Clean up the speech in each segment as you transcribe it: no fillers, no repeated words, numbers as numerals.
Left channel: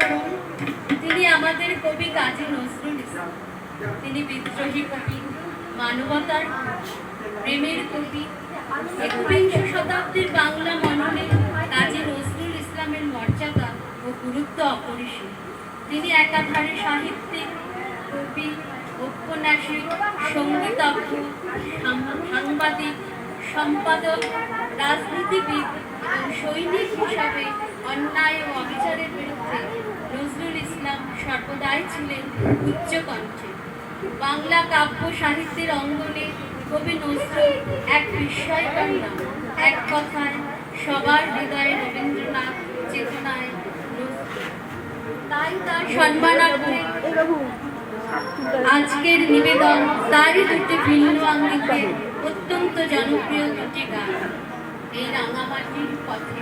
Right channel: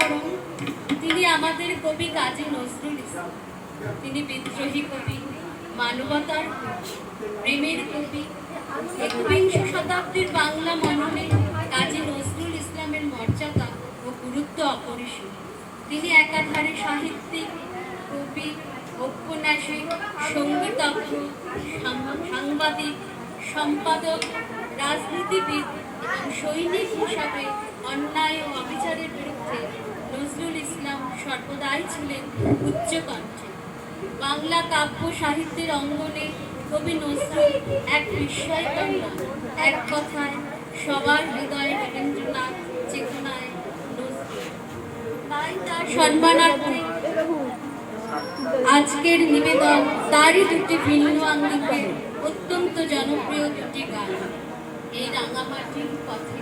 করুন, তিনি আমাদের কবি কাজী নজরুল ইসলাম। তিনি বিদ্রোহী কবি, মানবতার প্রেমের কবি। একবিংশ শতাব্দীর বাংলা মননে কাজী নজরুল ইসলামের মর্যাদা ও গুরুত্ব অপরিসীম। তিনি একাধারে সাহিত্যিক, কবি, ঔপন্যাসিক, সঙ্গীতজ্ঞ, সাংবাদিক, সম্পাদক, রাজনীতিবিদ এবং সৈনিক হিসাবে অন্যায় ও অবিচারের বিরুদ্ধে নজরুল ইসলাম সর্বদাই ছিলেন উচ্চকণ্ঠে। বাংলা কাব্য সাহিত্যের অঙ্গনে কবি নজরুল এক বিস্ময়কর নাম। এক কথায় সবার হৃদয়ে রবীন্দ্রনাথ, চেতনায় নজরুল। তাই তার সম্মানার্থে আজকের নিবেদন তারই দুটি ভিন্ন আঙ্গিকের অত্যন্ত জনপ্রিয় দুটি গান, এই রাঙামাটির পথে।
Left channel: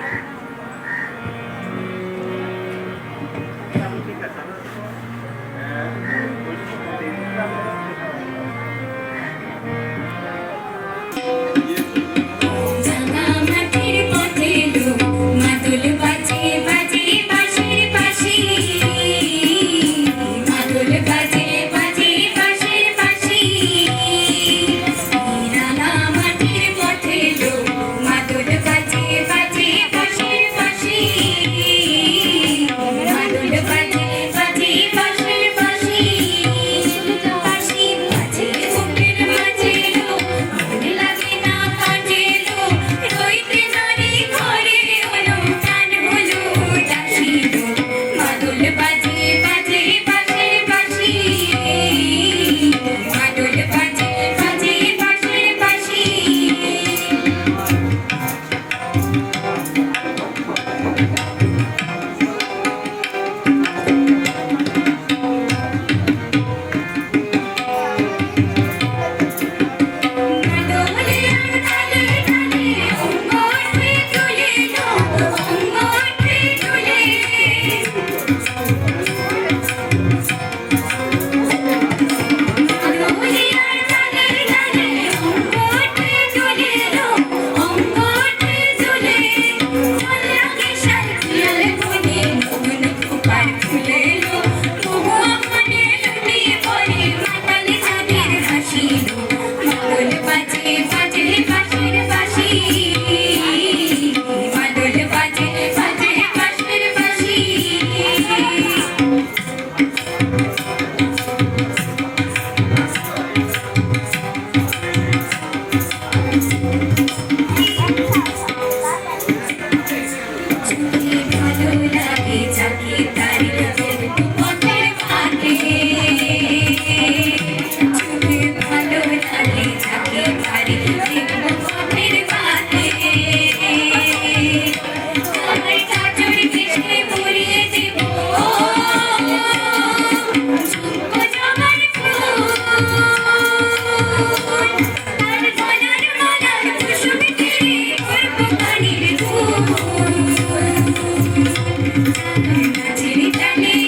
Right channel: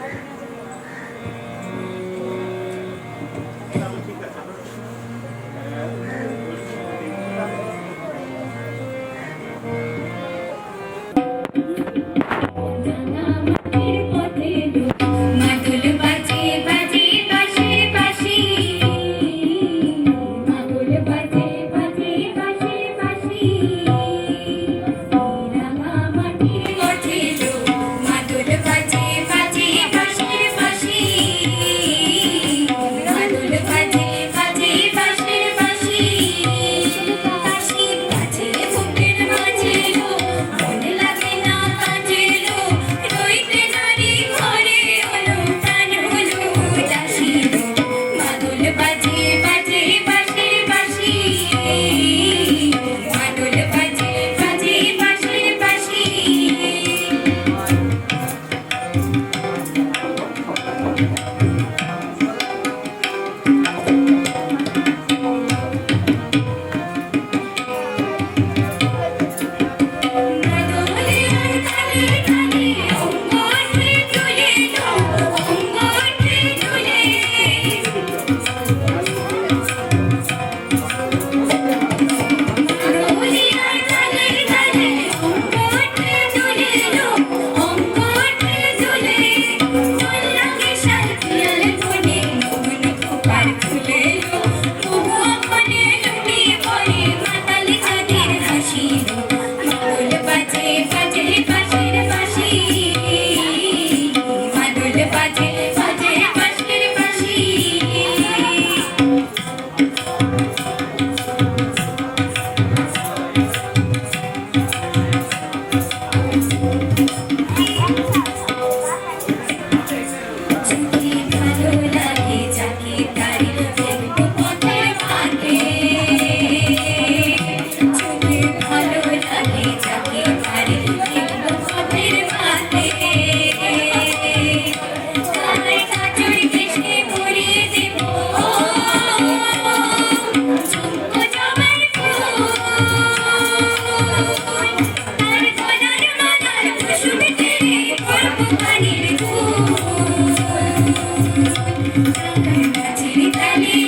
Thank you.